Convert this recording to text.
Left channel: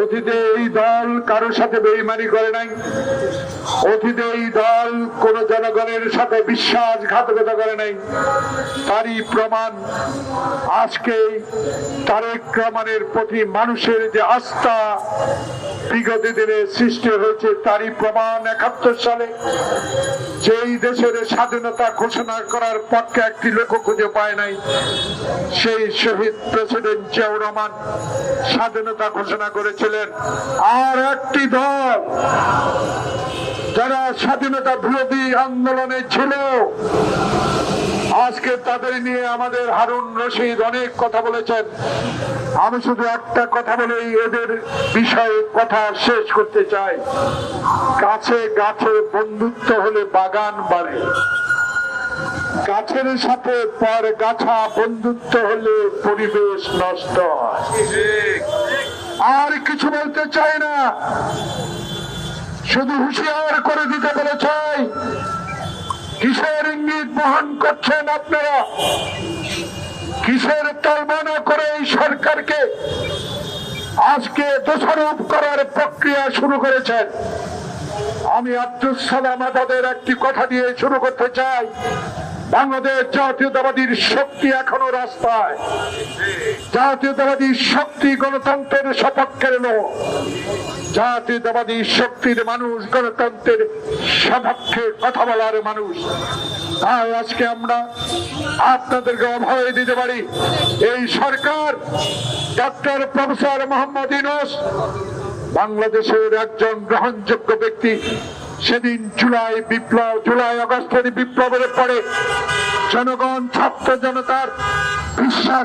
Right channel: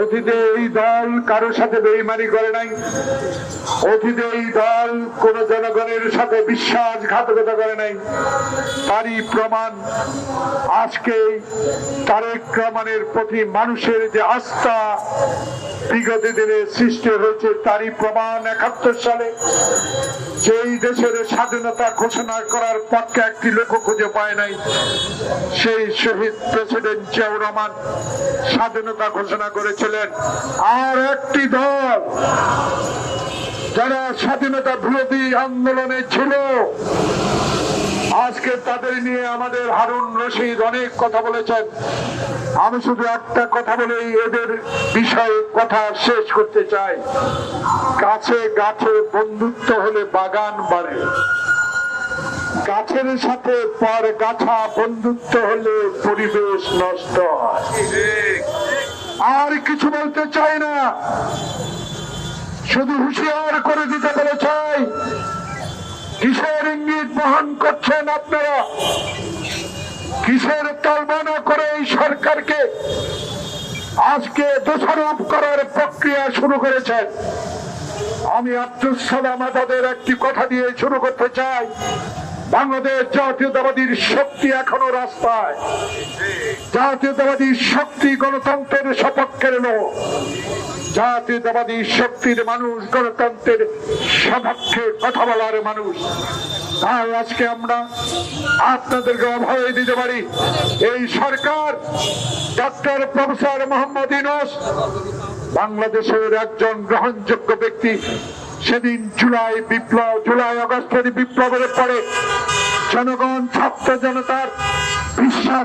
অতীতে এই দল কারোর সাথে বেইমানি করে নাই, অতীতে এই দল কোন জনগণের সাথে বিশ্বাসঘাতকতা করে নাই। তারই প্রমাণ আজকে তারেক রহমানের প্রতি মানুষের যে আস্থা বিগত দিনে সৃষ্টি হয়েছে, তারই প্রমাণ ৭১ সালে যেই দেশের স্বাধীনতা ঘোষণা করার পক্ষে একটি লোক খুঁজে পায় নাই, সেই শহীদ প্রেসিডেন্ট জিয়াউর রহমান স্বাধীনতা ঘোষণা করেছিলেন। আর একটি দল যারা স্বাধীনতা বিরোধী আন্দোলনে ছিল, আজকে তাদের নিয়ে আমাদের হারুন রশিদ অনেক কথা বলেছেন। আমি শুধু একটা কথা বলে এদের বিষয়ে কথা শেষ করতে চাই। গাছে গাছে বন্ধুত্ব হলে বাগান বাড়ে, গাছের সাথে পর গাছা বন্ধুত্ব হলে পরিবেশ নষ্ট হয়। আর কিছু বলতে চাই না, শুধু হুঁশিয়ার করে দিতে বলে চাই। কিসের ইঙ্গিত বহন করছেন আপনারা? কিসের তালবানা করে এই সরকারকে আজকে দোষারোপ করার প্রক্রিয়া শুরু করেছেন? আমি আব্দুল সালাম আজাদের একটি কথা দিয়ে শুরু করতে চাই। বাংলাদেশ জাতীয়তাবাদীর শক্তি এখনো রাস্তায়। জাতীয়তাবাদী শক্তি গণতন্ত্রের সপক্ষের নয়, জাতীয়তাবাদী শক্তির মানুষ গণতন্ত্রের সপক্ষে কথা বলার মানুষ। তাই আজকে আমরা আপনাদেরকে অভয় দিতে পারি, এই সরকার ডক্টর প্রফেসর মোহাম্মদ ইউনূস বাংলাদেশের একজন গ্রহণযোগ্য ব্যক্তি। সেদিন জুলাই আগস্টের বিপ্লবের পরে জনগণ ছাত্র জনতার বিশ্বাস